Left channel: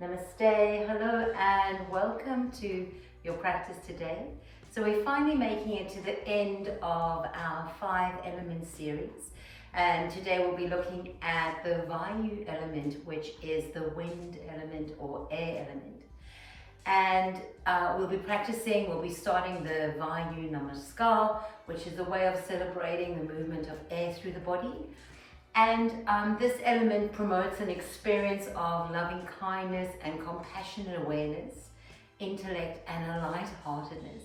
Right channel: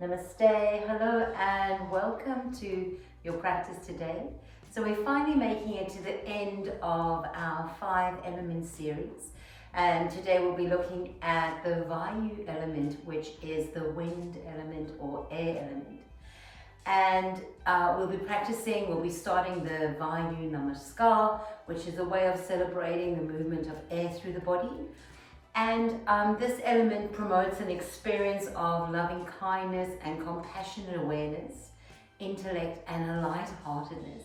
Namaste, hello and welcome to your practice today. So we're finally making it to the end of our 5 element series, and today we'll be looking at the Vayu element, which is the wind element or air element. And we'll be starting the Vayu Namaskar, which is a way of celebrating the movement of air through the body. And this element promotes an experience of loving kindness and compassionate awareness, intellect and a lightheartedness.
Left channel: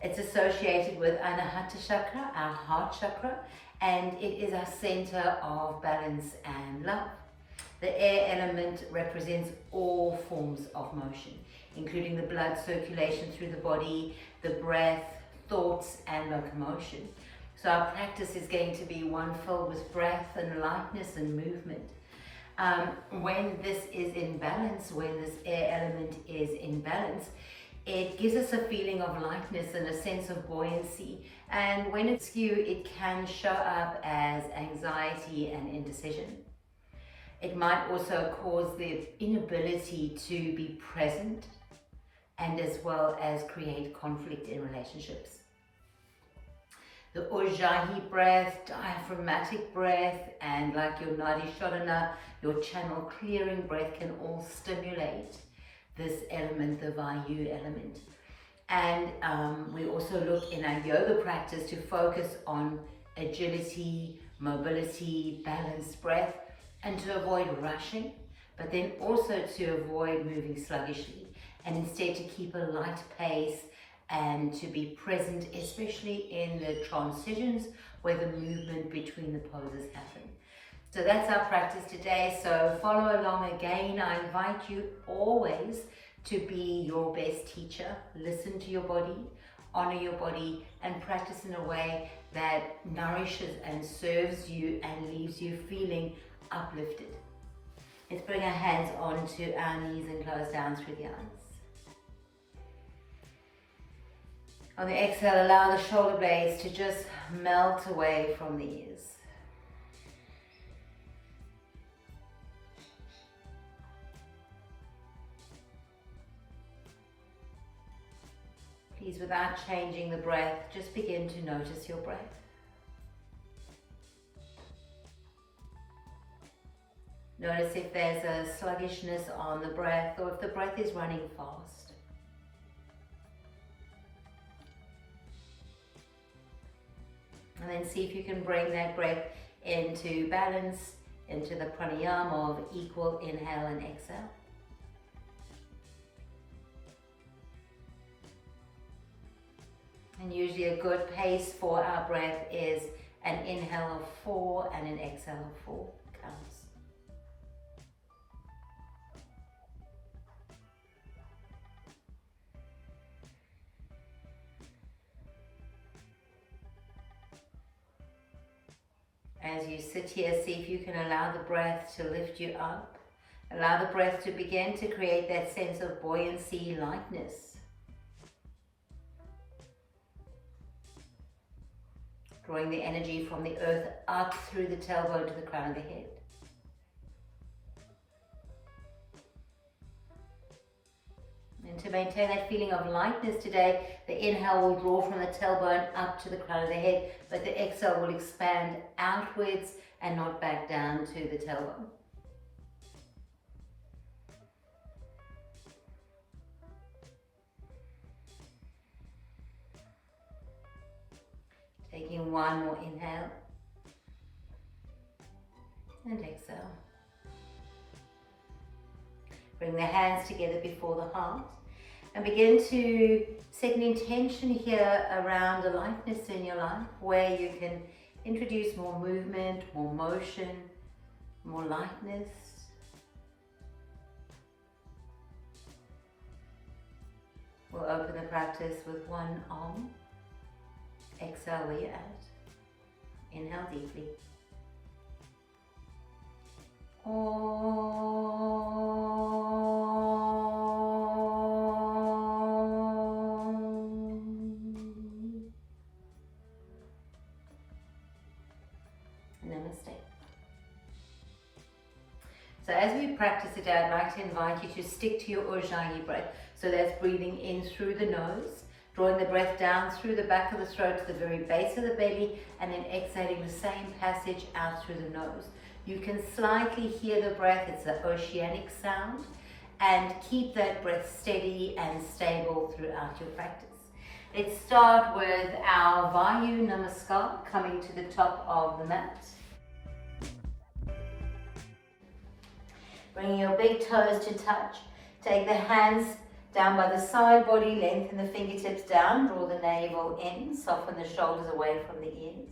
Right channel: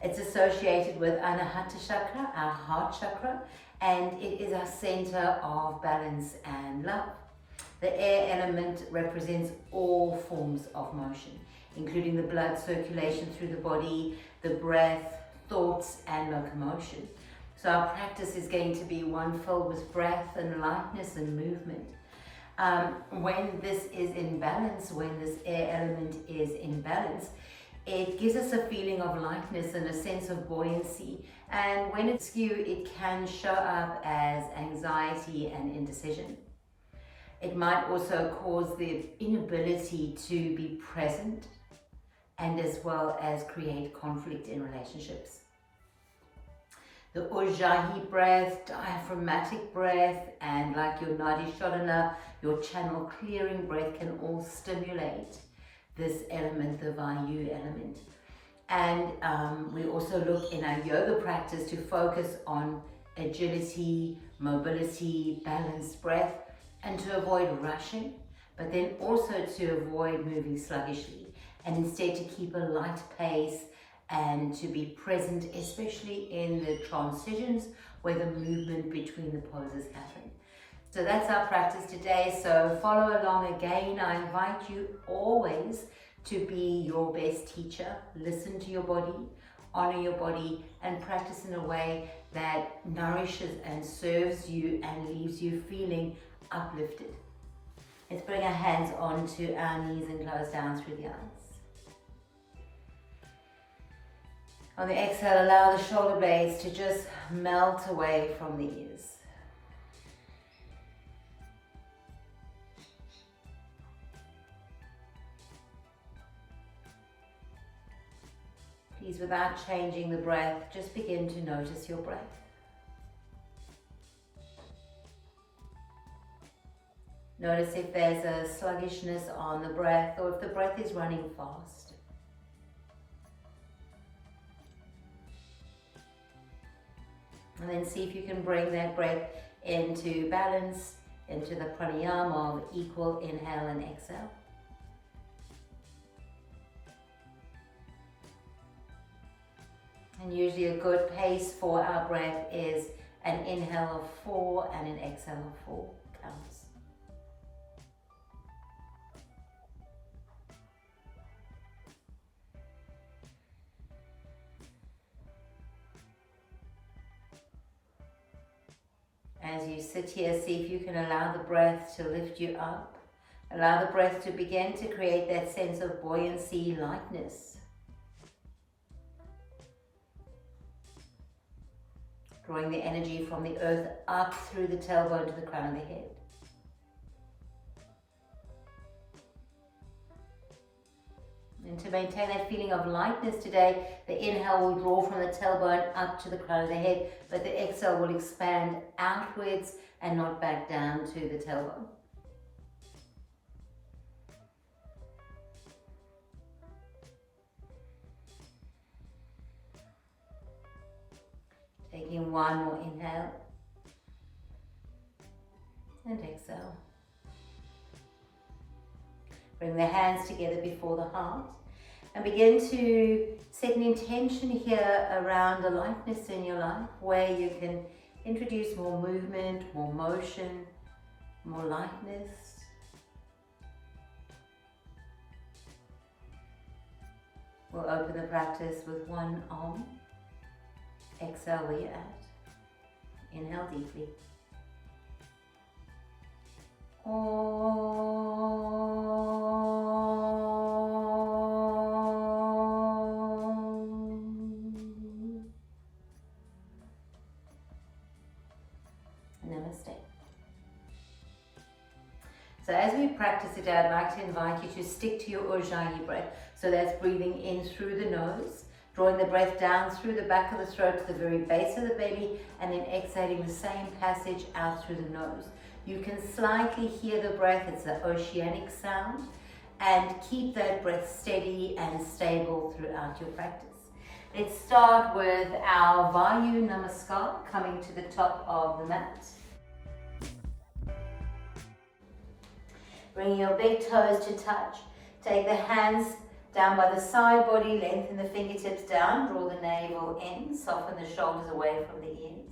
It's associated with Anahata Chakra, our heart chakra, and it is our center of balance and love. The air element represents all forms of motion, including the blood circulation through the body, the breath, thoughts and locomotion. So our practice is going to be one filled with breath and lightness and movement. When this is in balance, when this air element is in balance, it gives us a feeling of lightness and a sense of buoyancy. And when it's skew, it can show up as anxiety and indecision. It might also cause the inability to be present and as well as create conflict in relationships. The ujjayi breath, diaphragmatic breath, and like your Nadi Shodhana, your channel clearing breath can all stimulate this element, the Vayu element. And we also look in our yoga practice to focus on agility, mobility, balanced breath, and to avoid rushing, but then also to avoid moving sluggishly, and instead to keep a light pace and to be present, especially in the transitions where the movement between the poses happen. So that's our practice today. So follow along again. I invite you always to be your best teacher. Listen to your body, honor your body, and practice in a way that nourishes and serves you and leaves you feeling uplifted. Let's bring our hands onto our knees and close down through the eyes. On the exhale, allow the shoulder blades to just melt away from the ears. Please, without changing the breath, just begin to notice your breath. Notice if there's a sluggishness on the breath or if the breath is running fast. And then see if you can bring that breath into balance, into the pranayama of equal inhale and exhale. And usually a good pace for our breath is an inhale of 4 and an exhale of 4 counts. As you sit here, see if you can allow the breath to lift you up. Allow the breath to begin to create that sense of buoyancy, lightness. Drawing the energy from the earth up through the tailbone to the crown of the head. And to maintain that feeling of lightness today, the inhale will draw from the tailbone up to the crown of the head, but the exhale will expand outwards and not back down to the tailbone. Taking one more inhale and exhale. Bring the hands together before the heart and begin to set an intention here around a lightness in your life where you can introduce more movement, more motion, more lightness. We'll open the practice with one arm. Exhale where you're at. Inhale deeply. Namaste. So as we practice today, I'd like to invite you to stick to your ujjayi breath. So that's breathing in through the nose, drawing the breath down through the back of the throat to the very base of the belly, and then exhaling the same passage out through the nose. You can slightly hear the breath, it's an oceanic sound, and keep that breath steady and stable throughout your practice. Let's start with our Vayu Namaskar, coming to the top of the mat. Bring your big toes to touch. Take the hands down by the side body, lengthen the fingertips down, draw the navel in, soften the shoulders away from the ears.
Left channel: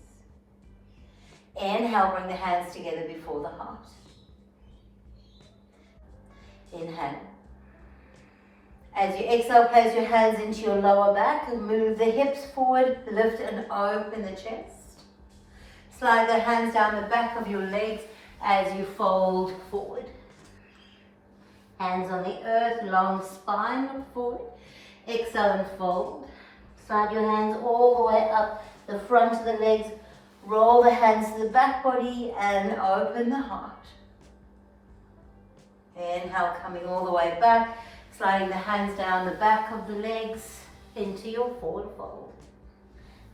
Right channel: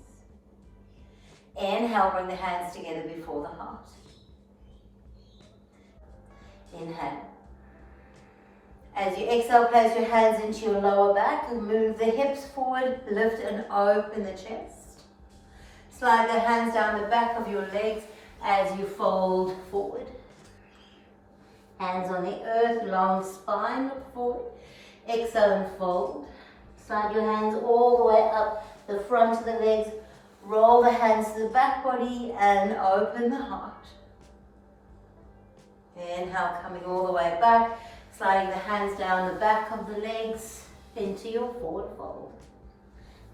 Inhale, bring the hands together before the heart. Inhale. As you exhale, place your hands into your lower back and move the hips forward, lift and open the chest. Slide the hands down the back of your legs as you fold forward. Hands on the earth, long spine, look forward. Exhale and fold. Slide your hands all the way up the front of the legs. Roll the hands to the back body and open the heart. Inhale, coming all the way back. Sliding the hands down the back of the legs into your forward fold.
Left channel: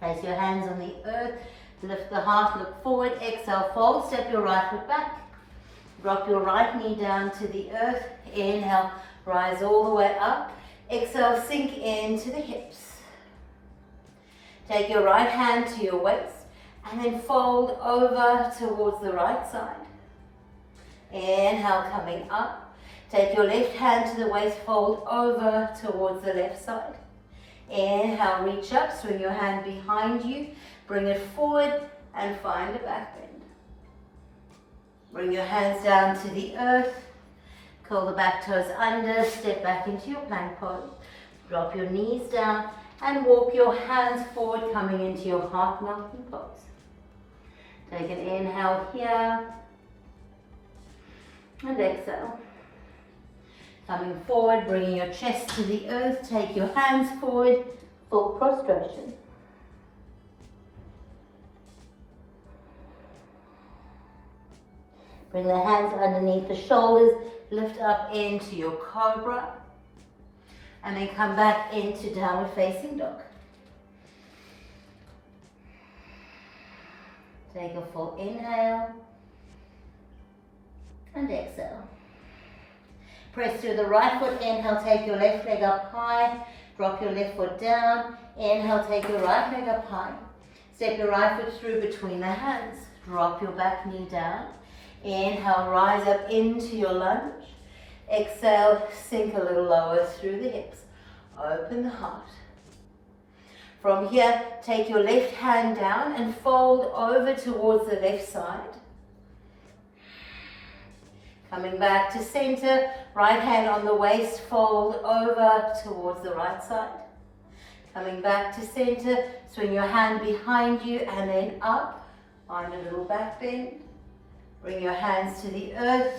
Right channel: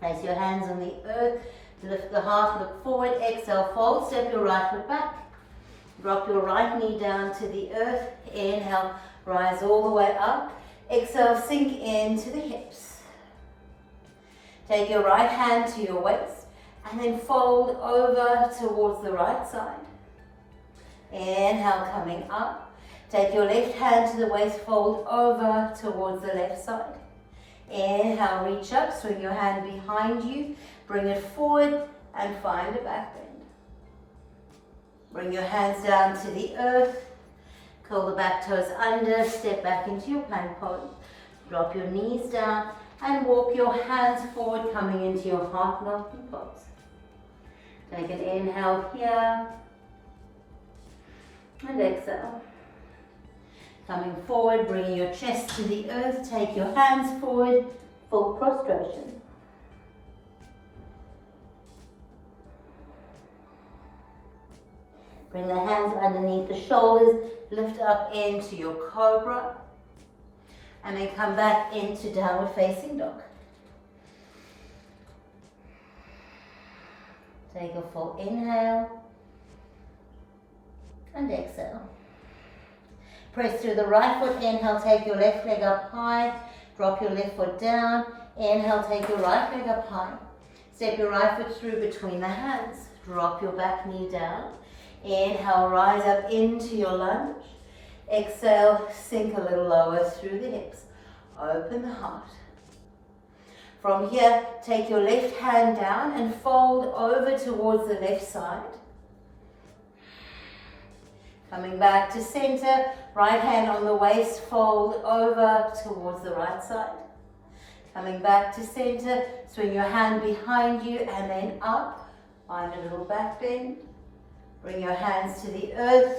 Place your hands on the earth. Lift the heart, look forward. Exhale, fold. Step your right foot back. Drop your right knee down to the earth. Inhale, rise all the way up. Exhale, sink into the hips. Take your right hand to your waist and then fold over towards the right side. Inhale, coming up. Take your left hand to the waist, fold over towards the left side. Inhale, reach up, swing your hand behind you, bring it forward and find a back bend. Bring your hands down to the earth. Curl the back toes under, step back into your plank pose. Drop your knees down and walk your hands forward, coming into your heart melting pose. Take an inhale here and exhale. Coming forward, bringing your chest to the earth, take your hands forward, full prostration. Bring the hands underneath the shoulders, lift up into your cobra, and then come back into downward facing dog. Take a full inhale and exhale. Press through the right foot, inhale, take your left leg up high, drop your left foot down, inhale, take your right leg up high. Step your right foot through between the hands, drop your back knee down, inhale, rise up into your lunge, exhale, sink a little lower through the hips, open the heart. From here, take your left hand down and fold over towards the left side. Coming back to center, right hand on the waist, fold over towards the right side. Coming back to center, swing your hand behind you and then up, find a little back bend. Bring your hands to the earth,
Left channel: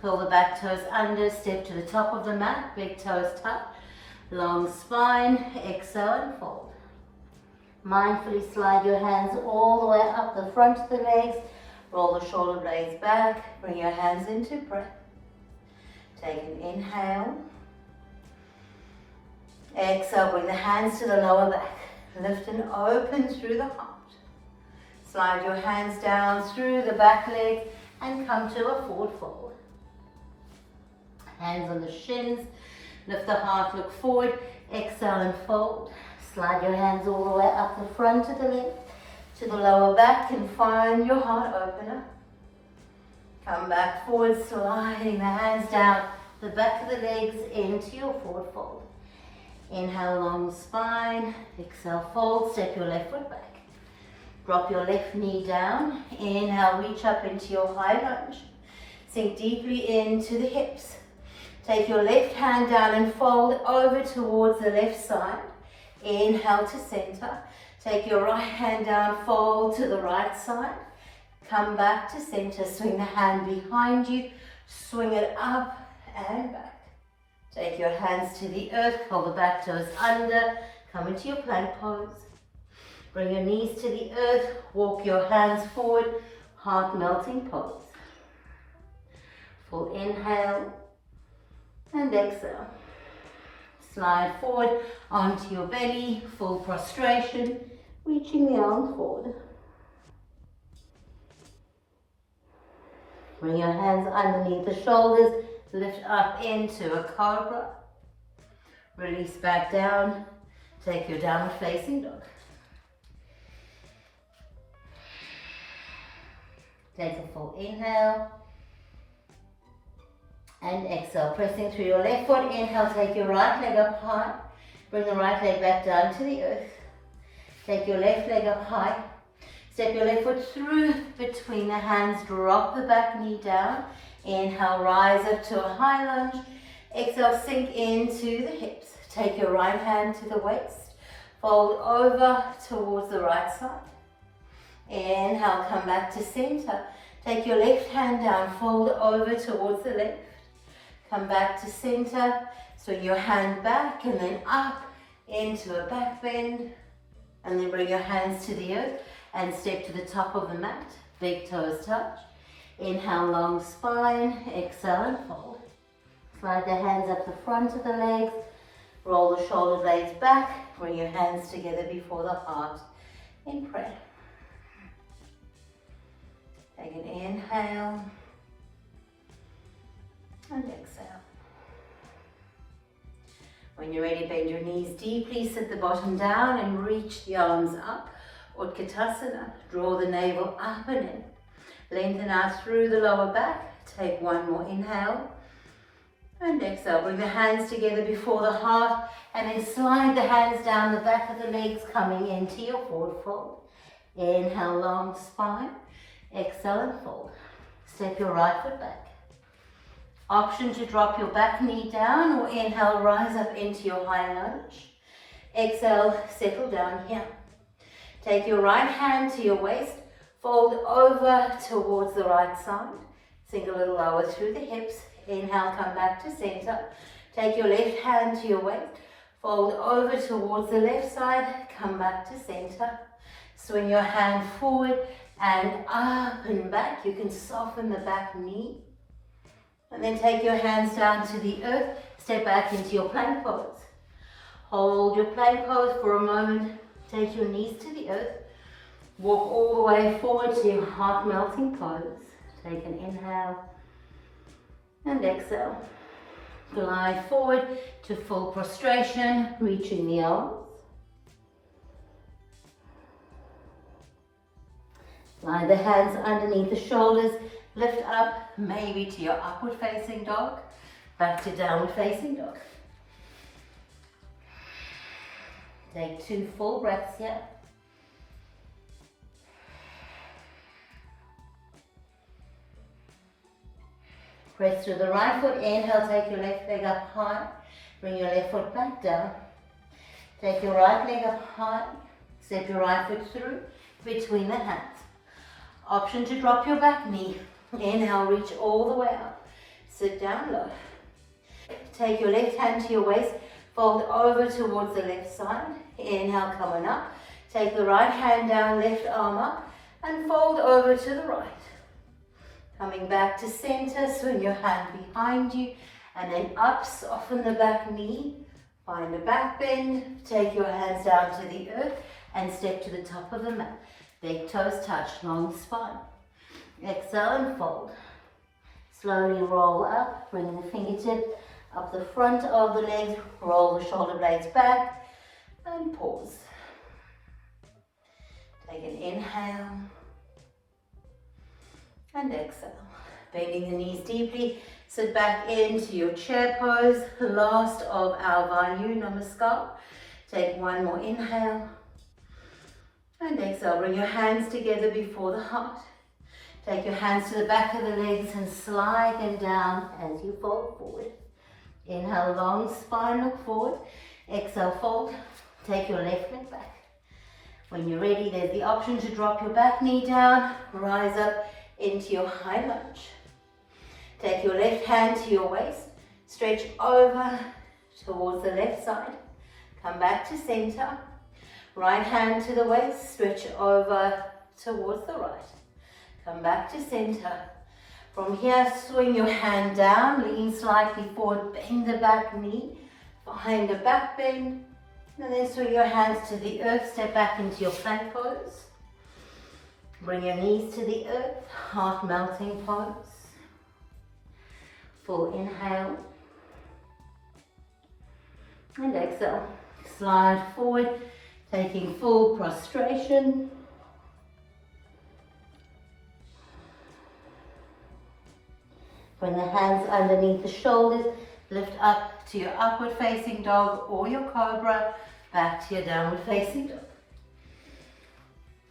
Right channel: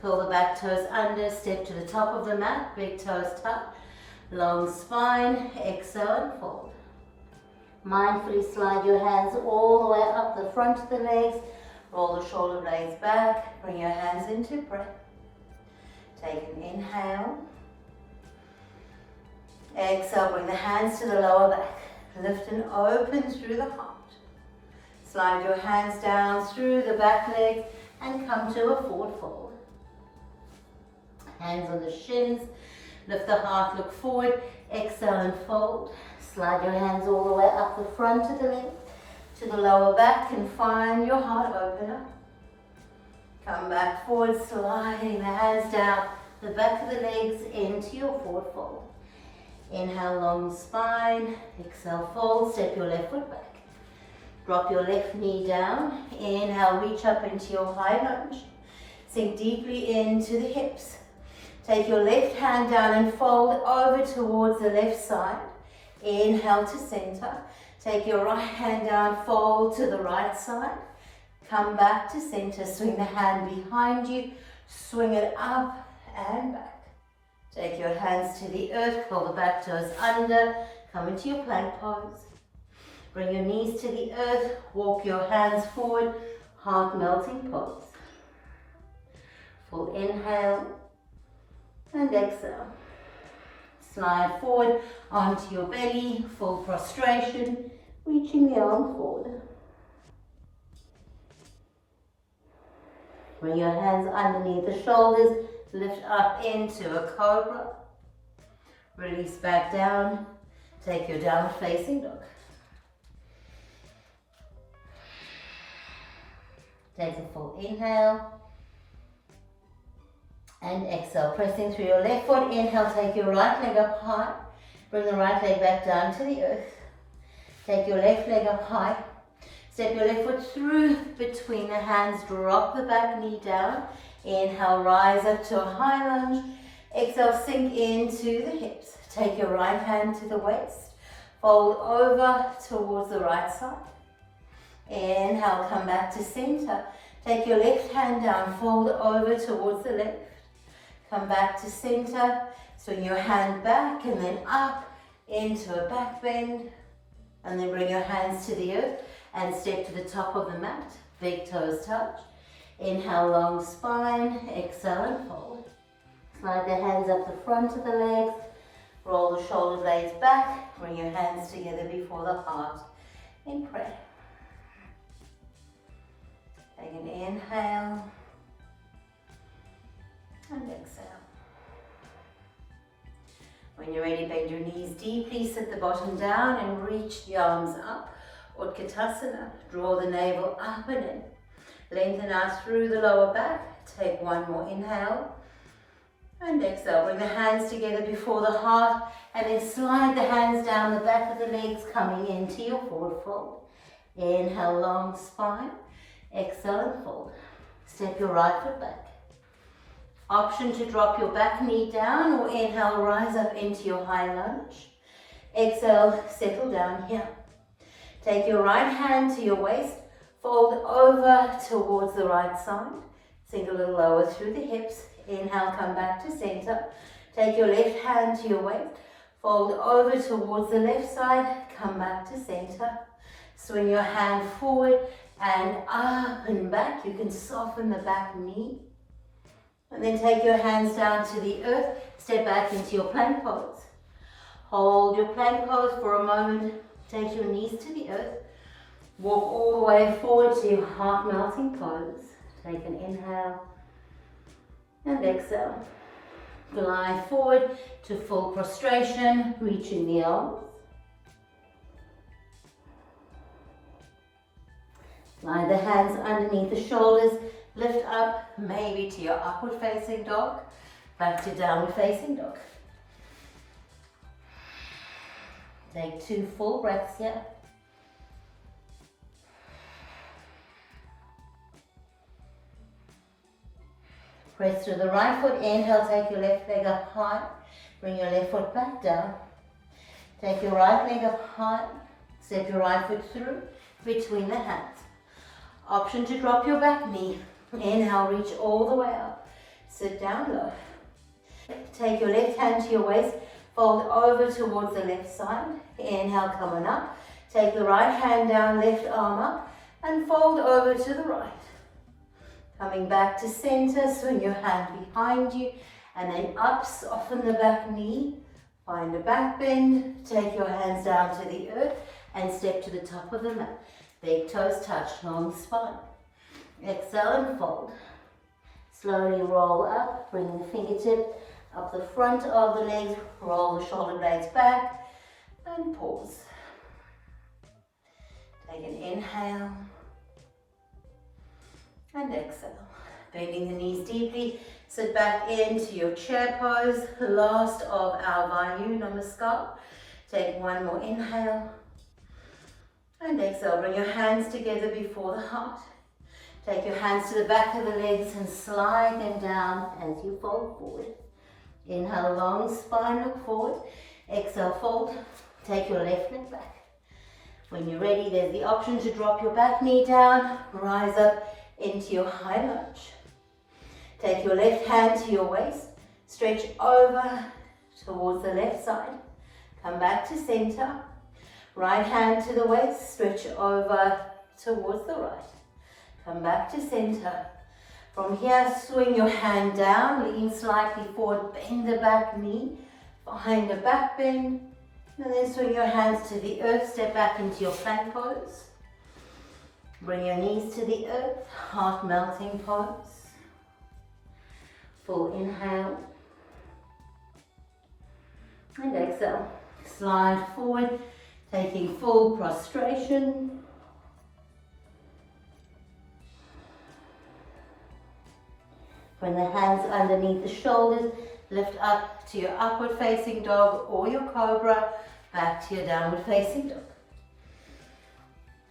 curl the back toes under, step to the top of the mat, big toes tucked, long spine, exhale and fold. Mindfully slide your hands all the way up the front of the legs, roll the shoulder blades back, bring your hands into breath. Take an inhale. Exhale, bring the hands to the lower back. Lift and open through the heart. Slide your hands down through the back leg and come to a forward fold. Hands on the shins, lift the heart, look forward, exhale and fold. Slide your hands all the way up the front of the leg to the lower back and find your heart opener. Come back forward, sliding the hands down the back of the legs into your forward fold. Inhale, long spine, exhale, fold, step your left foot back. Drop your left knee down, inhale, reach up into your high lunge. Sink deeply into the hips. Take your left hand down and fold over towards the left side. Inhale to center. Take your right hand down, fold to the right side. Come back to center, swing the hand behind you, swing it up and back. Take your hands to the earth, curl the back toes under, come into your plank pose. Bring your knees to the earth, walk your hands forward, heart melting pose. Full inhale and exhale. Slide forward onto your belly, full prostration, reaching the arms forward. Bring your hands underneath the shoulders, lift up into a cobra. Release back down, take your downward facing dog. Take a full inhale and exhale, pressing through your left foot. Inhale, take your right leg up high, bring the right leg back down to the earth. Take your left leg up high, step your left foot through between the hands, drop the back knee down. Inhale, rise up to a high lunge. Exhale, sink into the hips. Take your right hand to the waist, fold over towards the right side. Inhale, come back to center. Take your left hand down, fold over towards the left. Come back to center, swing your hand back and then up into a back bend. And then bring your hands to the earth and step to the top of the mat. Big toes touch. Inhale, long spine. Exhale and fold. Slide the hands up the front of the legs. Roll the shoulder blades back. Bring your hands together before the heart in prayer. Take an inhale and exhale. When you're ready, bend your knees deeply, sit the bottom down and reach the arms up. Utkatasana, draw the navel up and in. Lengthen out through the lower back. Take one more inhale and exhale. Bring the hands together before the heart and then slide the hands down the back of the legs, coming into your forward fold. Inhale, long spine. Exhale and fold. Step your right foot back. Option to drop your back knee down or inhale, rise up into your high lunge. Exhale, settle down here. Take your right hand to your waist, fold over towards the right side. Sink a little lower through the hips. Inhale, come back to center. Take your left hand to your waist, fold over towards the left side, come back to center. Swing your hand forward and up and back. You can soften the back knee. And then take your hands down to the earth. Step back into your plank pose. Hold your plank pose for a moment. Take your knees to the earth. Walk all the way forward to your heart melting pose. Take an inhale and exhale. Glide forward to full prostration, reaching the arms. Slide the hands underneath the shoulders, lift up maybe to your upward facing dog, back to downward facing dog. Take 2 full breaths here. Press through the right foot, inhale, take your left leg up high, bring your left foot back down. Take your right leg up high, step your right foot through between the hands. Option to drop your back knee. Inhale, reach all the way up. Sit down low. Take your left hand to your waist, fold over towards the left side. Inhale, come on up. Take the right hand down, left arm up, and fold over to the right. Coming back to center, swing your hand behind you, and then up, soften the back knee. Find a back bend, take your hands down to the earth, and step to the top of the mat. Big toes touch, long spine. Exhale and fold. Slowly roll up, bring the fingertips up the front of the legs, roll the shoulder blades back, and pause. Take an inhale, and exhale. Bending the knees deeply, sit back into your chair pose, last of our Vayu Namaskar. Take one more inhale, and exhale. Bring your hands together before the heart. Take your hands to the back of the legs and slide them down as you fold forward. Inhale, long spine, look forward. Exhale, fold. Take your left leg back. When you're ready, there's the option to drop your back knee down, rise up into your high lunge. Take your left hand to your waist, stretch over towards the left side. Come back to center. Right hand to the waist, stretch over towards the right. Come back to center. From here, swing your hand down, lean slightly forward, bend the back knee, find a back bend, and then swing your hands to the earth, step back into your plank pose. Bring your knees to the earth, heart melting pose. Full inhale. And exhale. Slide forward, taking full prostration. Bring the hands underneath the shoulders, lift up to your upward facing dog or your cobra, back to your downward facing dog.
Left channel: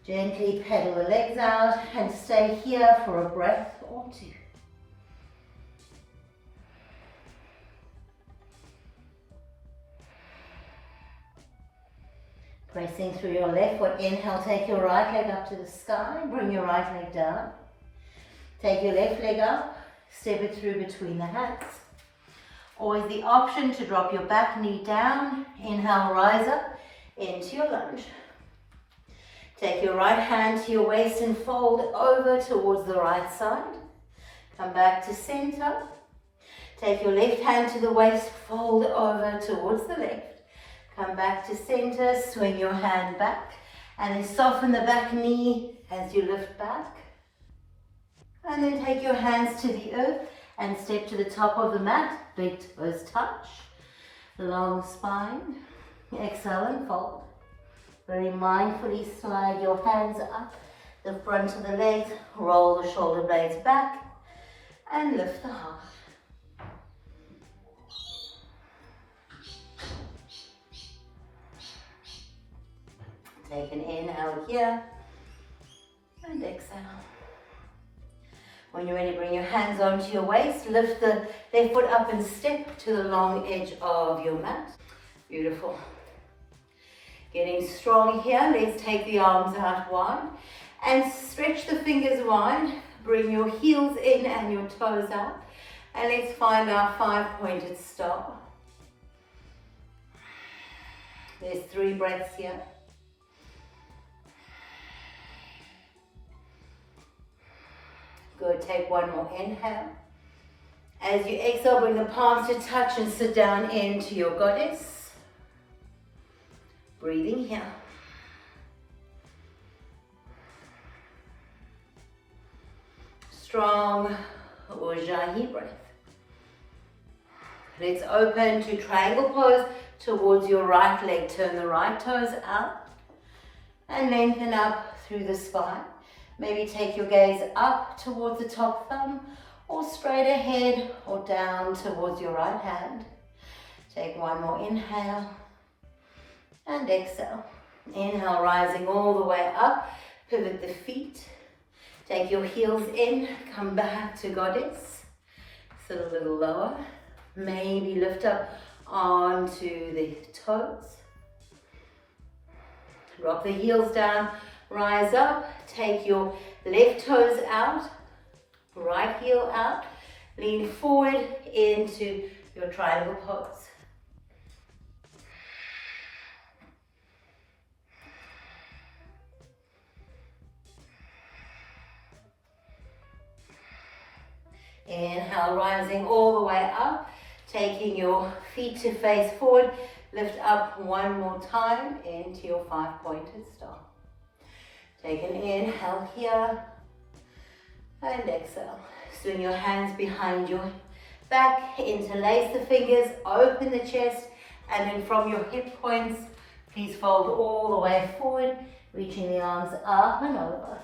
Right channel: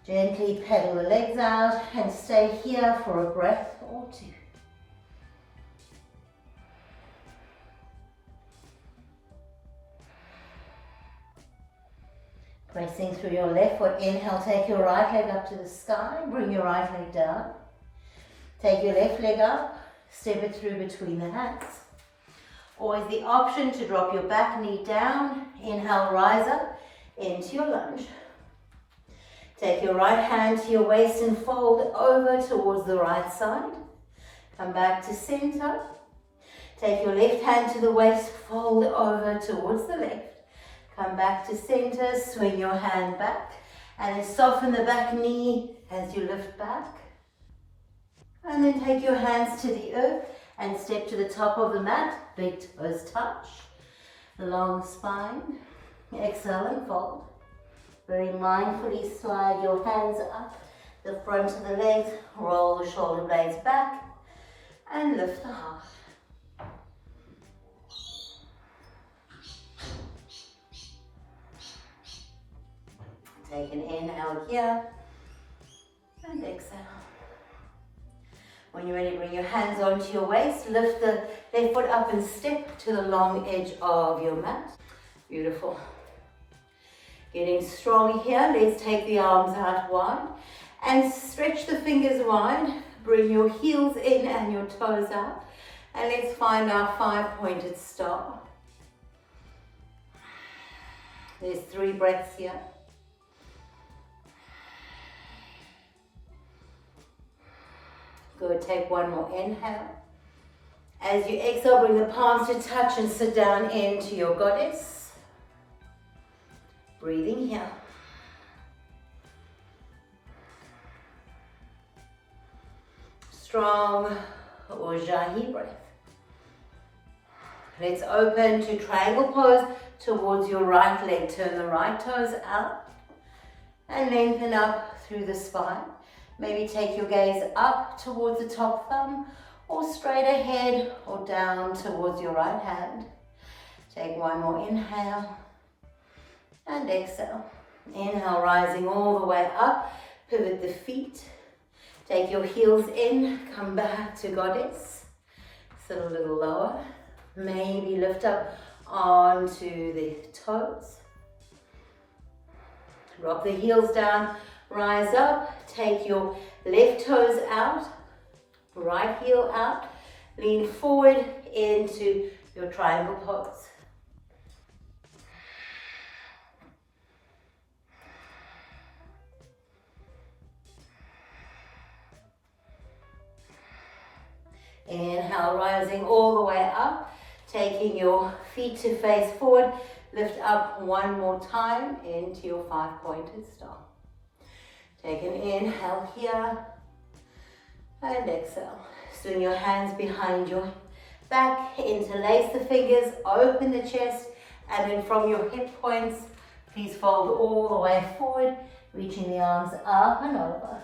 Gently pedal the legs out and stay here for a breath or two. Pressing through your left foot, inhale, take your right leg up to the sky, bring your right leg down. Take your left leg up, step it through between the hands. Always the option to drop your back knee down, inhale, rise up into your lunge. Take your right hand to your waist and fold over towards the right side. Come back to center. Take your left hand to the waist, fold over towards the left. Come back to center, swing your hand back, and then soften the back knee as you lift back. And then take your hands to the earth and step to the top of the mat, big toes touch, long spine. Exhale and fold. Very mindfully slide your hands up the front of the legs, roll the shoulder blades back, and lift the heart. Take an inhale here, and exhale. When you're ready, bring your hands onto your waist, lift the left foot up and step to the long edge of your mat. Beautiful. Getting strong here, let's take the arms out wide and stretch the fingers wide. Bring your heels in and your toes out, and let's find our 5-pointed star. There's 3 breaths here. Good, take one more inhale. As you exhale, bring the palms to touch and sit down into your goddess. Breathing here. Strong ujjayi breath. Let's open to triangle pose towards your right leg. Turn the right toes out and lengthen up through the spine. Maybe take your gaze up towards the top thumb or straight ahead or down towards your right hand. Take one more inhale and exhale. Inhale, rising all the way up. Pivot the feet. Take your heels in, come back to goddess. Sit a little lower. Maybe lift up onto the toes. Drop the heels down, rise up. Take your left toes out, right heel out. Lean forward into your triangle pose. Inhale, rising all the way up, taking your feet to face forward. Lift up one more time into your 5-pointed star. Take an inhale here and exhale. Swing your hands behind your back, interlace the fingers, open the chest, and then from your hip points, please fold all the way forward, reaching the arms up and over.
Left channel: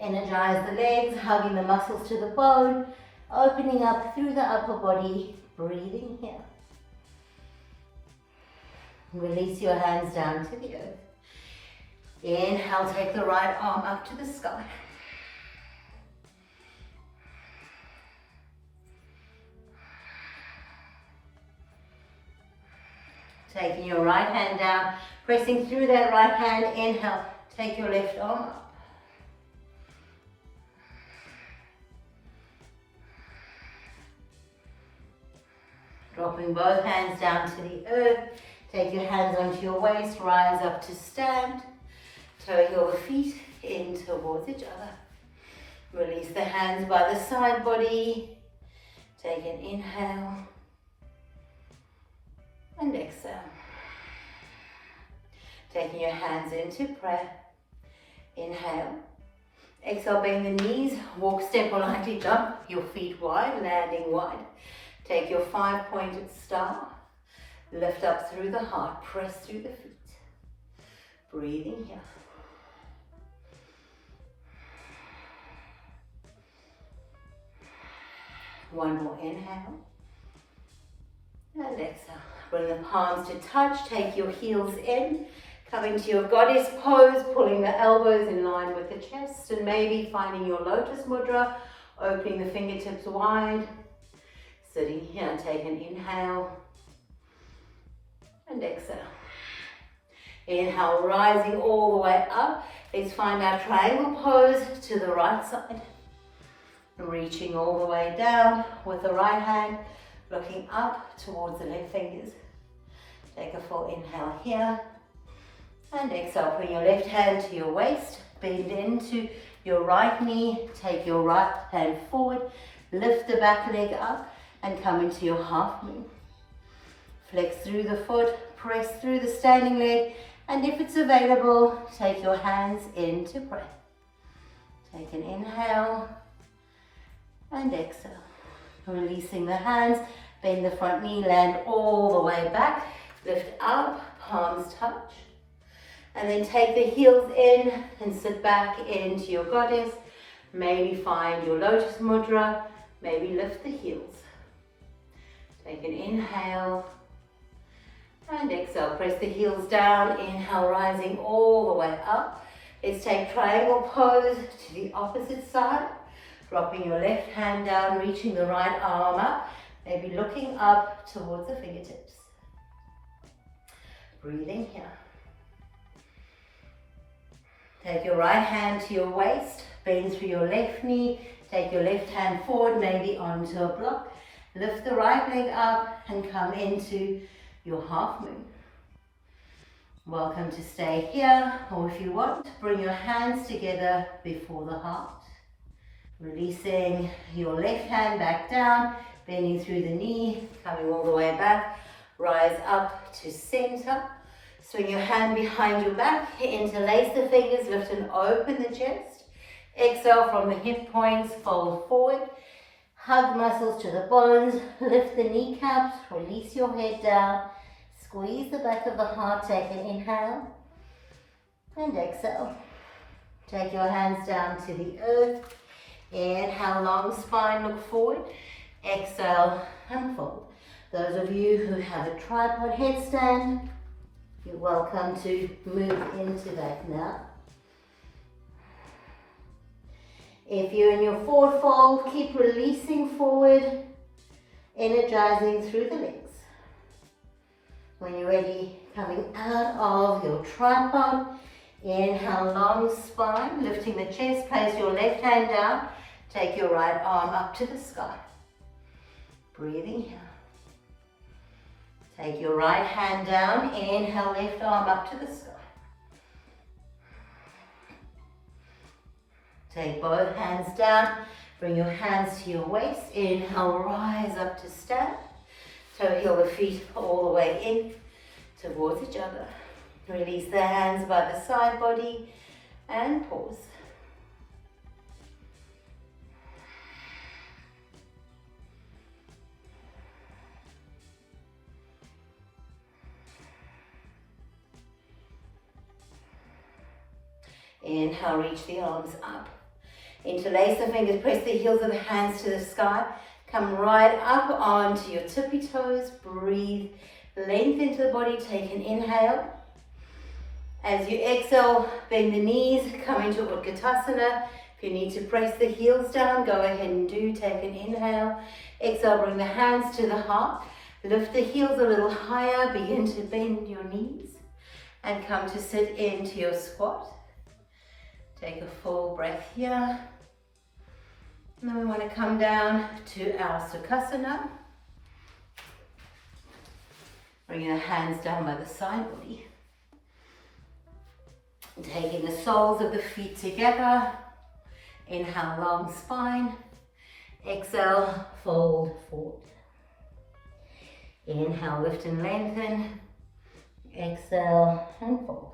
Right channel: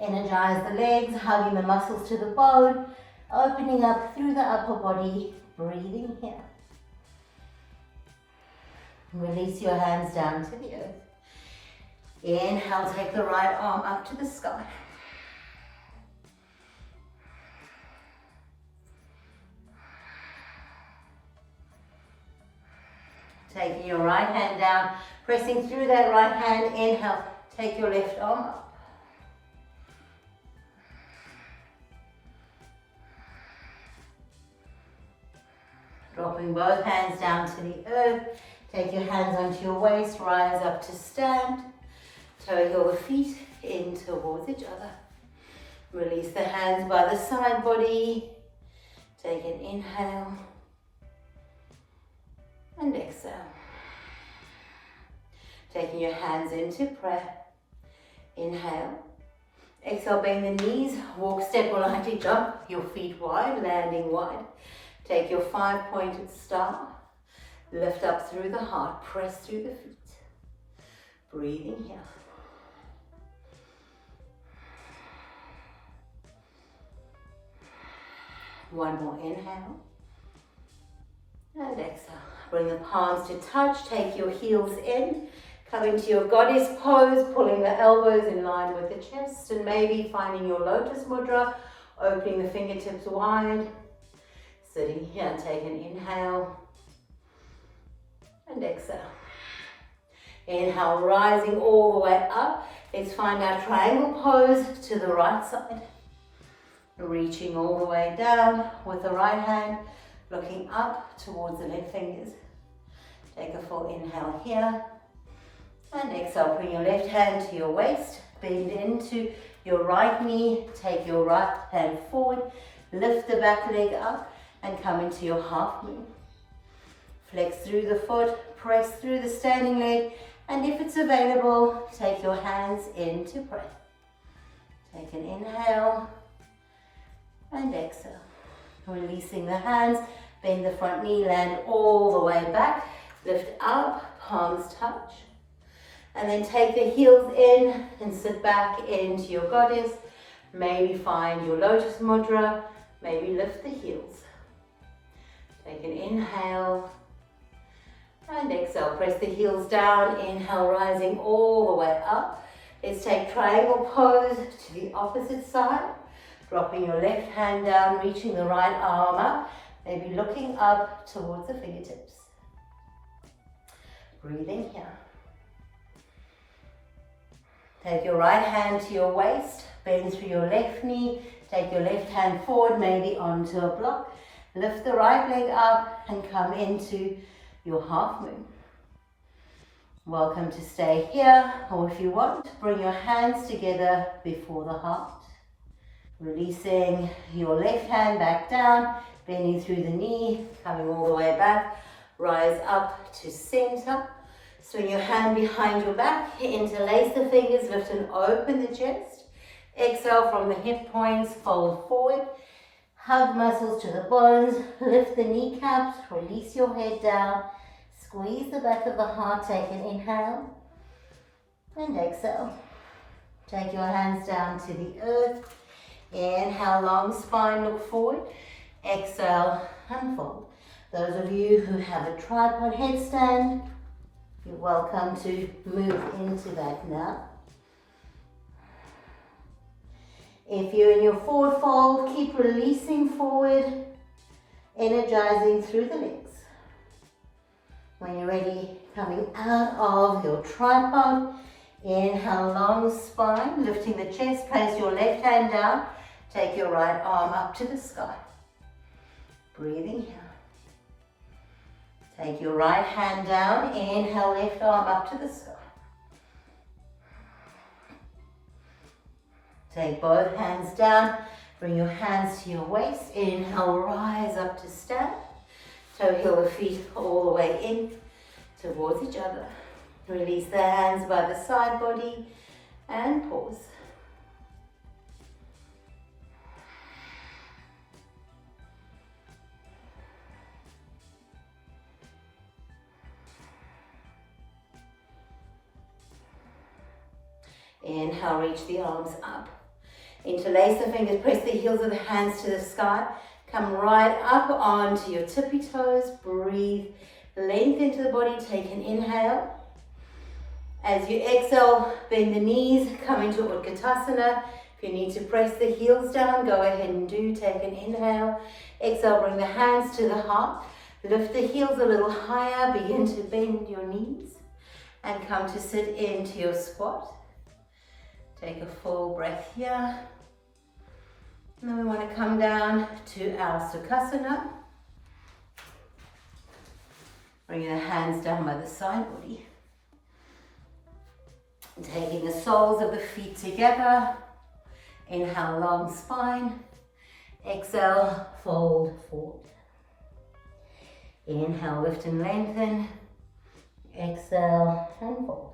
Energize the legs, hugging the muscles to the bone, opening up through the upper body, breathing here. Release your hands down to the earth. Inhale, take the right arm up to the sky. Taking your right hand down, pressing through that right hand. Inhale, take your left arm up. Dropping both hands down to the earth. Take your hands onto your waist, rise up to stand. Toe heel the feet in towards each other. Release the hands by the side body. Take an inhale and exhale. Taking your hands into prayer. Inhale. Exhale, bend the knees, walk, step or lightly jump, your feet wide, landing wide. Take your 5-pointed star, lift up through the heart, press through the feet. Breathing here. One more inhale and exhale. Bring the palms to touch, take your heels in. Come into your goddess pose, pulling the elbows in line with the chest and maybe finding your lotus mudra, opening the fingertips wide. Sitting here, take an inhale and exhale. Inhale, rising all the way up. Let's find our triangle pose to the right side. Reaching all the way down with the right hand, looking up towards the left fingers. Take a full inhale here. And exhale, bring your left hand to your waist, bend into your right knee, take your right hand forward, lift the back leg up and come into your half moon. Flex through the foot, press through the standing leg, and if it's available, take your hands into prayer. Take an inhale and exhale. Releasing the hands, bend the front knee, land all the way back, lift up, palms touch. And then take the heels in and sit back into your goddess. Maybe find your lotus mudra. Maybe lift the heels. Take an inhale and exhale. Press the heels down. Inhale, rising all the way up. Let's take triangle pose to the opposite side. Dropping your left hand down, reaching the right arm up. Maybe looking up towards the fingertips. Breathing here. Take your right hand to your waist, bend through your left knee, take your left hand forward, maybe onto a block. Lift the right leg up and come into your half moon. Welcome to stay here, or if you want, bring your hands together before the heart. Releasing your left hand back down, bending through the knee, coming all the way back. Rise up to center. Swing your hand behind your back, interlace the fingers, lift and open the chest. Exhale from the hip points, fold forward. Hug muscles to the bones, lift the kneecaps, release your head down. Squeeze the back of the heart, take an inhale and exhale. Take your hands down to the earth. Inhale, long spine, look forward. Exhale, unfold. Those of you who have a tripod headstand, you're welcome to move into that now. If you're in your forward fold, keep releasing forward, energizing through the legs. When you're ready, coming out of your tripod, inhale, long spine, lifting the chest, place your left hand down, take your right arm up to the sky. Breathing here. Take your right hand down, inhale, left arm up to the sky. Take both hands down, bring your hands to your waist, inhale, rise up to stand. Toe heel the feet all the way in towards each other. Release the hands by the side body and pause. Inhale, reach the arms up. Interlace the fingers, press the heels of the hands to the sky. Come right up onto your tippy toes. Breathe, length into the body. Take an inhale. As you exhale, bend the knees, come into Utkatasana. If you need to press the heels down, go ahead and do. Take an inhale. Exhale, bring the hands to the heart. Lift the heels a little higher. Begin to bend your knees and come to sit into your squat. Take a full breath here. And then we want to come down to our Sukhasana. Bring your hands down by the side body. Taking the soles of the feet together. Inhale, long spine. Exhale, fold forward. Inhale, lift and lengthen. Exhale, and fold.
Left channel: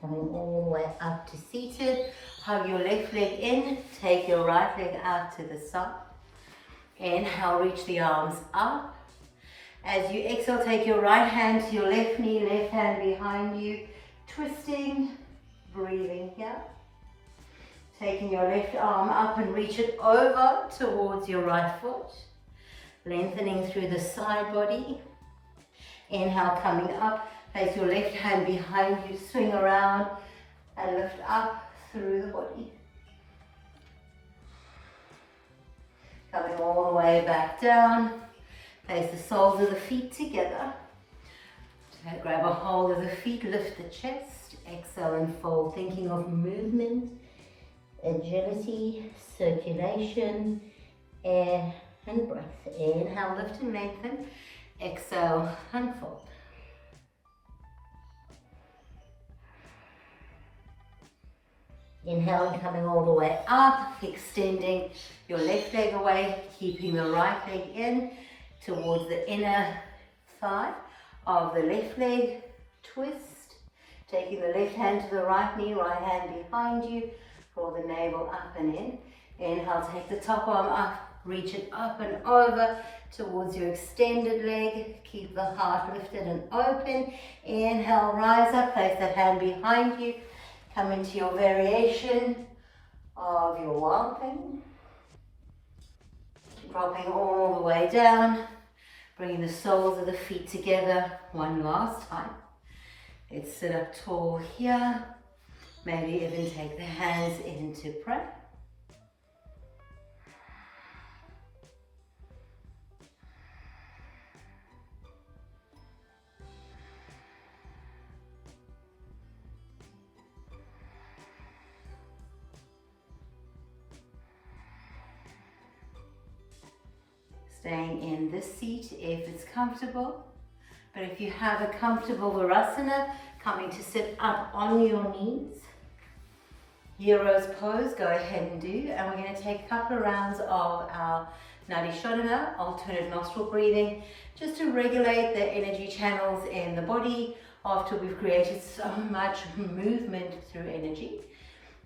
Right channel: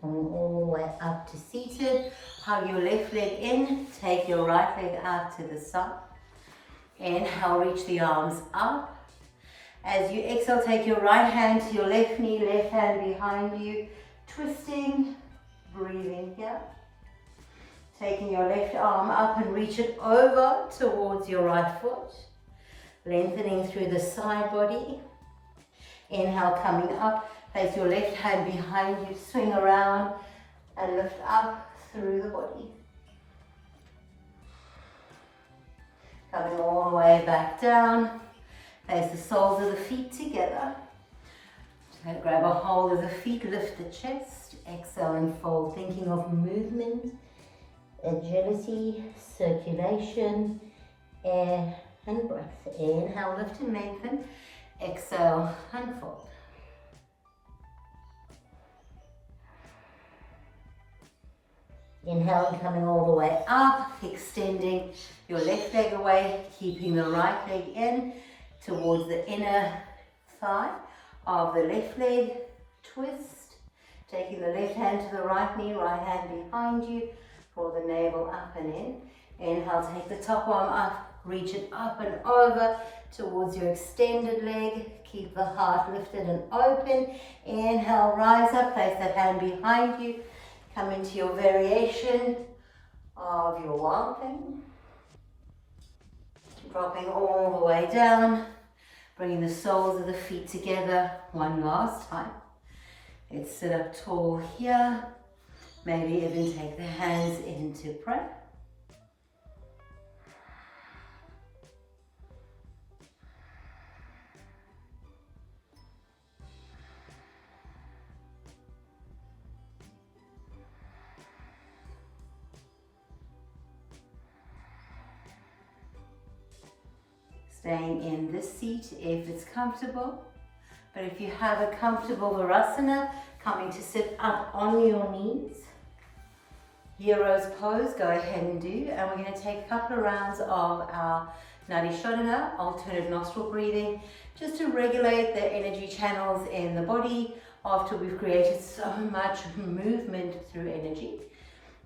Coming all the way up to seated. Hug your left leg in. Take your right leg out to the side. Inhale, reach the arms up. As you exhale, take your right hand to your left knee, left hand behind you. Twisting, breathing here. Taking your left arm up and reach it over towards your right foot. Lengthening through the side body. Inhale, coming up. Place your left hand behind you, swing around and lift up through the body. Coming all the way back down. Place the soles of the feet together. Grab a hold of the feet, lift the chest. Exhale and fold, thinking of movement, agility, circulation, air and breath. Inhale, lift and lengthen. Exhale and fold. Inhale, coming all the way up, extending your left leg away, keeping the right leg in towards the inner thigh of the left leg. Twist, taking the left hand to the right knee, right hand behind you, draw the navel up and in. Inhale, take the top arm up, reach it up and over towards your extended leg. Keep the heart lifted and open. Inhale, rise up, place that hand behind you. Come into your variation of your wild thing. Dropping all the way down, bringing the soles of the feet together one last time. Let's sit up tall here. Maybe even take the hands into prayer. Staying in this seat if it's comfortable. But if you have a comfortable Virasana, coming to sit up on your knees. Hero's pose, go ahead and do. And we're going to take a couple of rounds of our Nadi Shodhana, alternate nostril breathing, just to regulate the energy channels in the body after we've created so much movement through energy.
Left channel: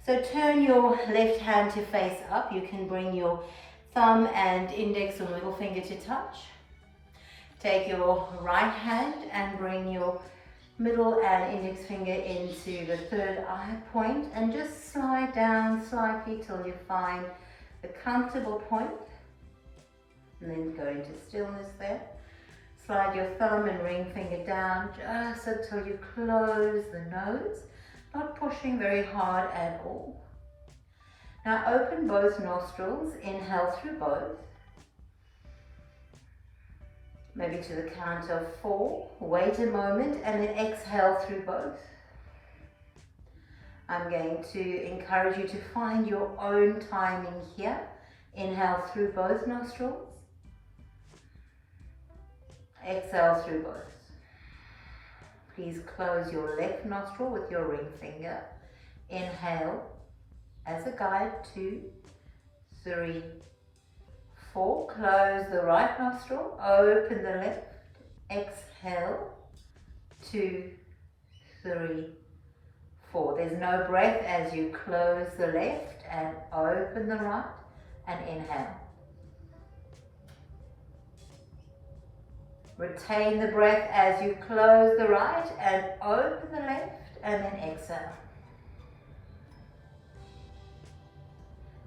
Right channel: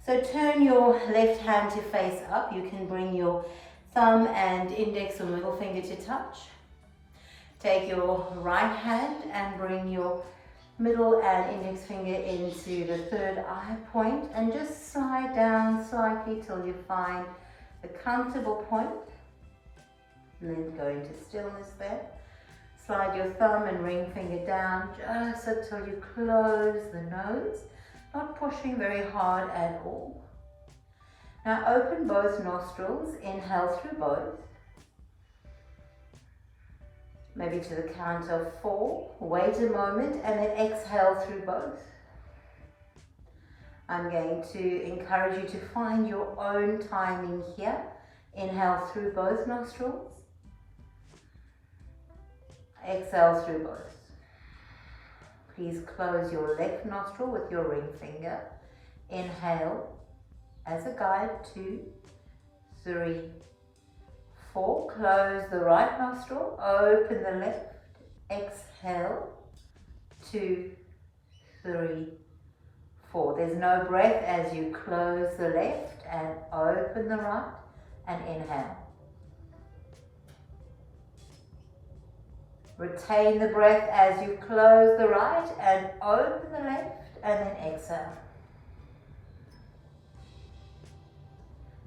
So turn your left hand to face up. You can bring your thumb and index or middle finger to touch. Take your right hand and bring your middle and index finger into the third eye point and just slide down slightly till you find a comfortable point. And then go into stillness there. Slide your thumb and ring finger down just until you close the nose, not pushing very hard at all. Now open both nostrils, inhale through both. Maybe to the count of 4, wait a moment and then exhale through both. I'm going to encourage you to find your own timing here. Inhale through both nostrils. Exhale through both. Please close your left nostril with your ring finger. Inhale as a guide, 2, 3, 4. Close the right nostril, open the left. Exhale, 2, 3, 4. There's no breath as you close the left and open the right and inhale. Retain the breath as you close the right and open the left and then exhale.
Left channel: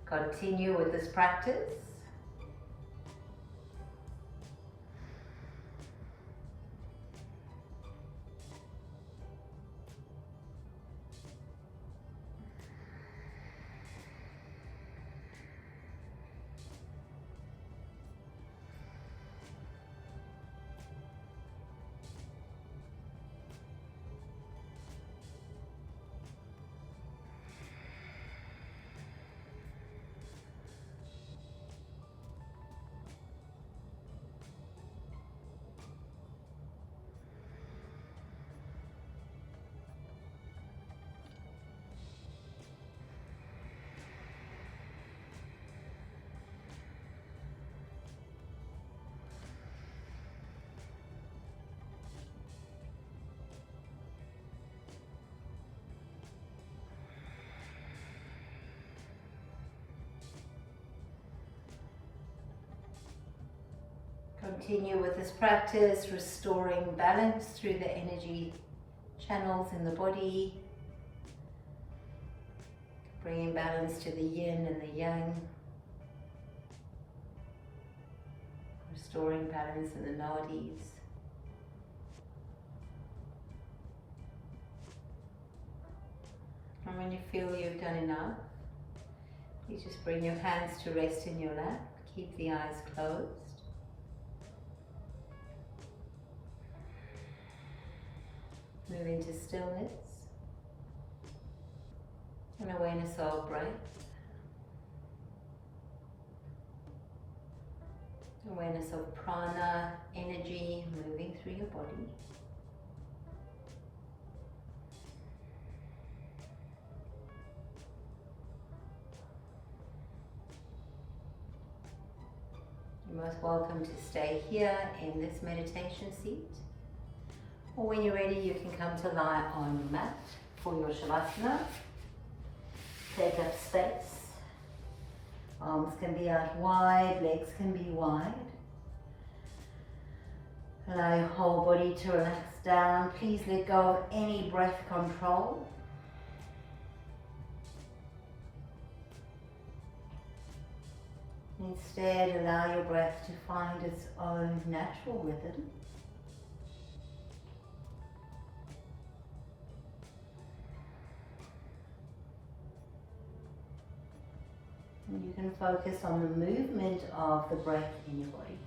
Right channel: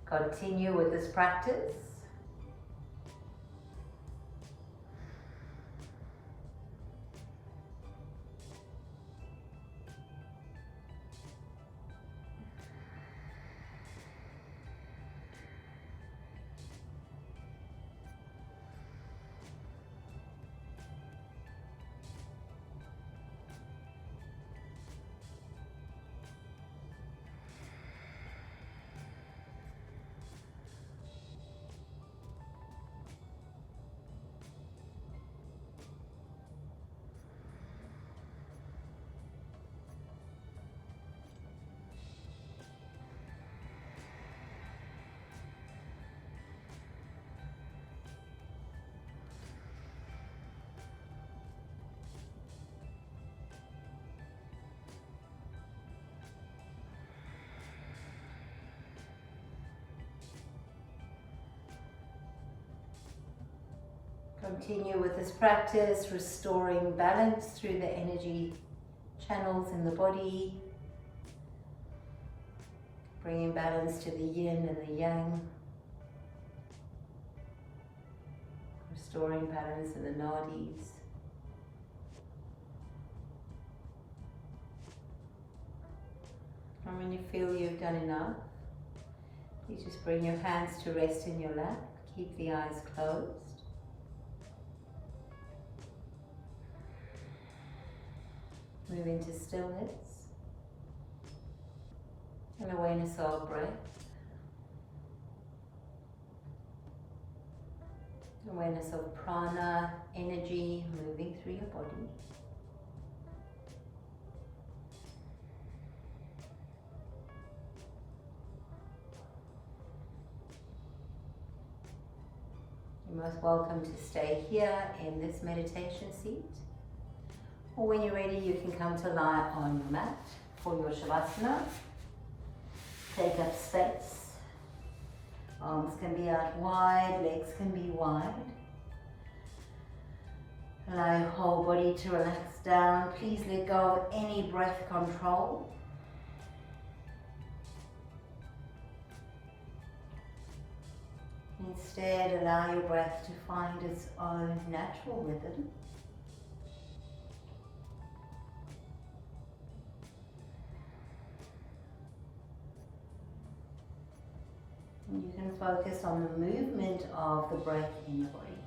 Continue with this practice. Continue with this practice, restoring balance through the energy channels in the body, bringing balance to the yin and the yang, restoring balance in the nadis. And when you feel you've done enough, you just bring your hands to rest in your lap, keep the eyes closed. Move into stillness and awareness of breath. Awareness of prana, energy moving through your body. You're most welcome to stay here in this meditation seat. Or when you're ready, you can come to lie on your mat for your Savasana. Take up space. Arms can be out wide, legs can be wide. Allow your whole body to relax down. Please let go of any breath control. Instead, allow your breath to find its own natural rhythm. And you can focus on the movement of the breath in your body.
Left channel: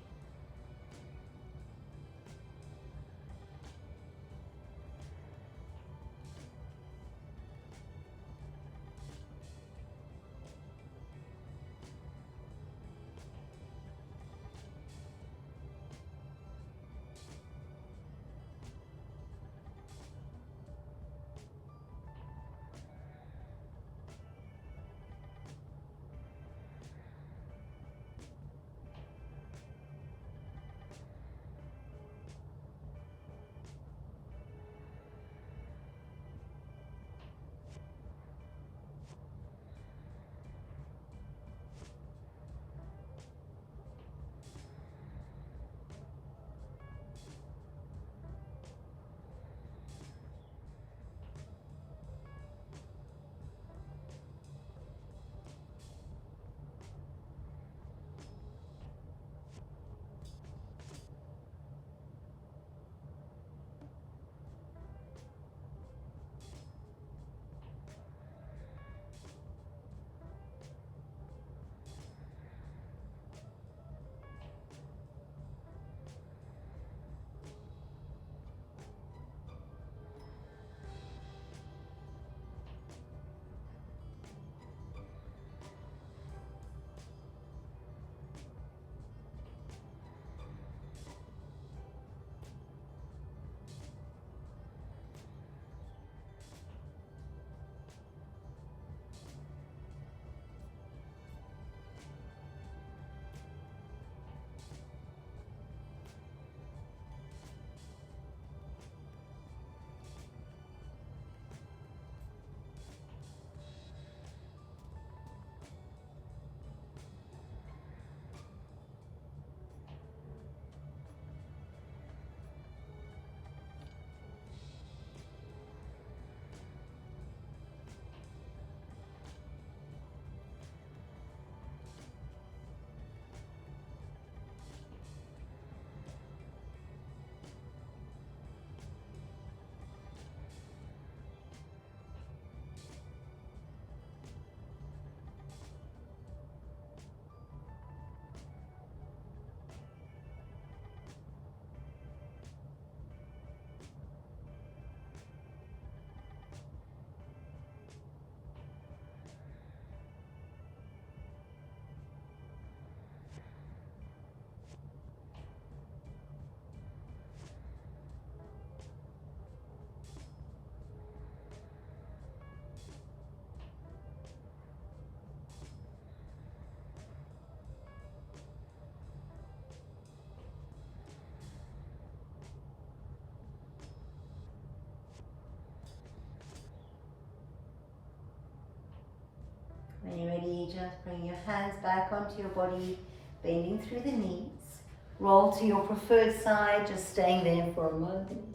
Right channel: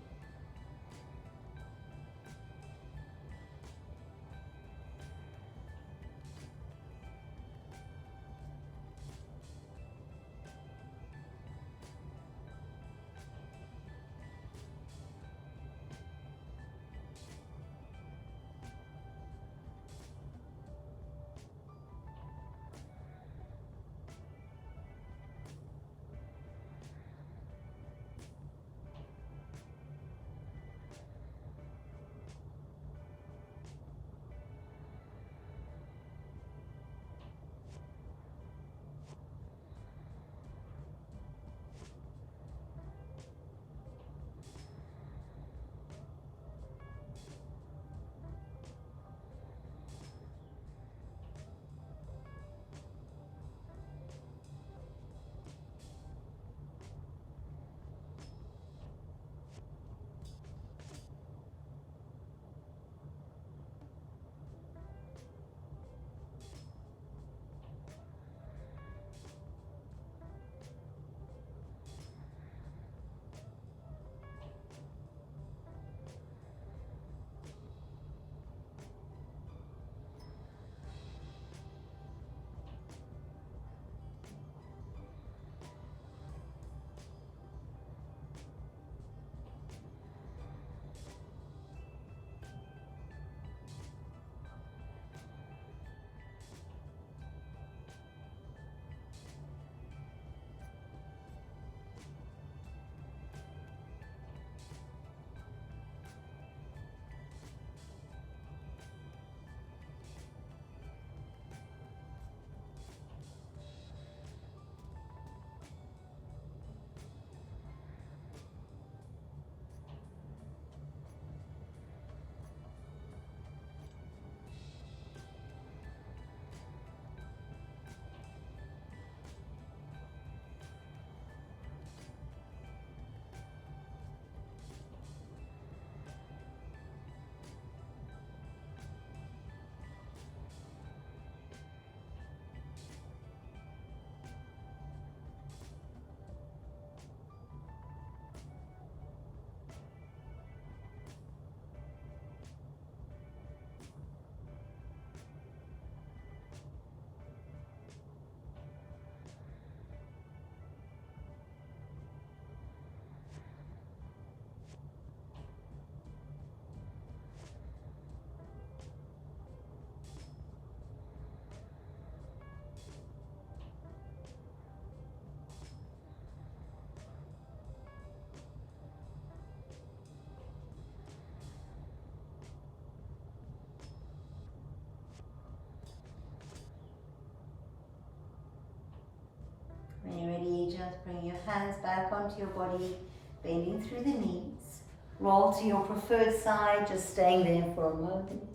When you're ready, just bring your hands back onto your body, bending through the knees. Roll to your preferred side, just staying there for a moment.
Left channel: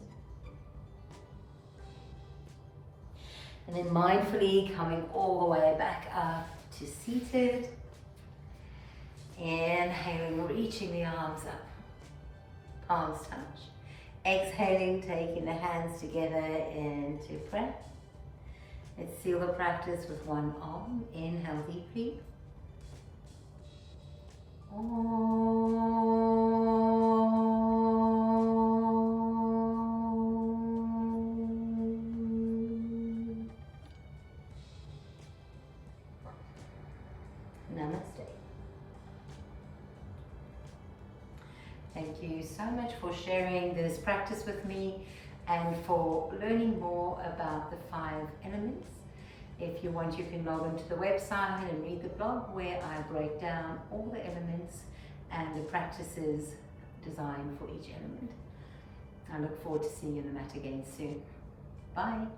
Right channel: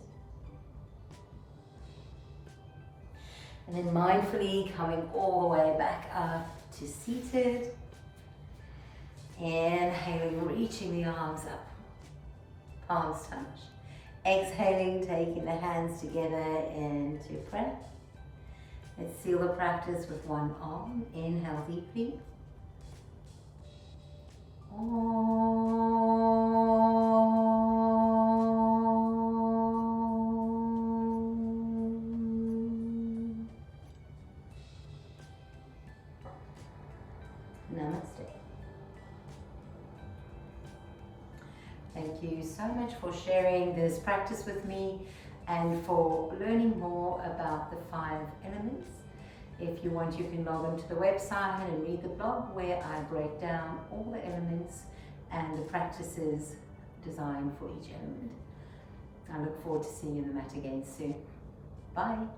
And then mindfully coming all the way back up to seated. Inhaling, reaching the arms up, palms touch. Exhaling, taking the hands together into breath. Let's seal the practice with one arm. Inhale deeply. Namaste. Thank you so much for sharing this practice with me and for learning more about the 5 elements. If you want, you can log into the website and read the blog where I break down all the elements and the practices designed for each element. I look forward to seeing you on the mat again soon. Bye.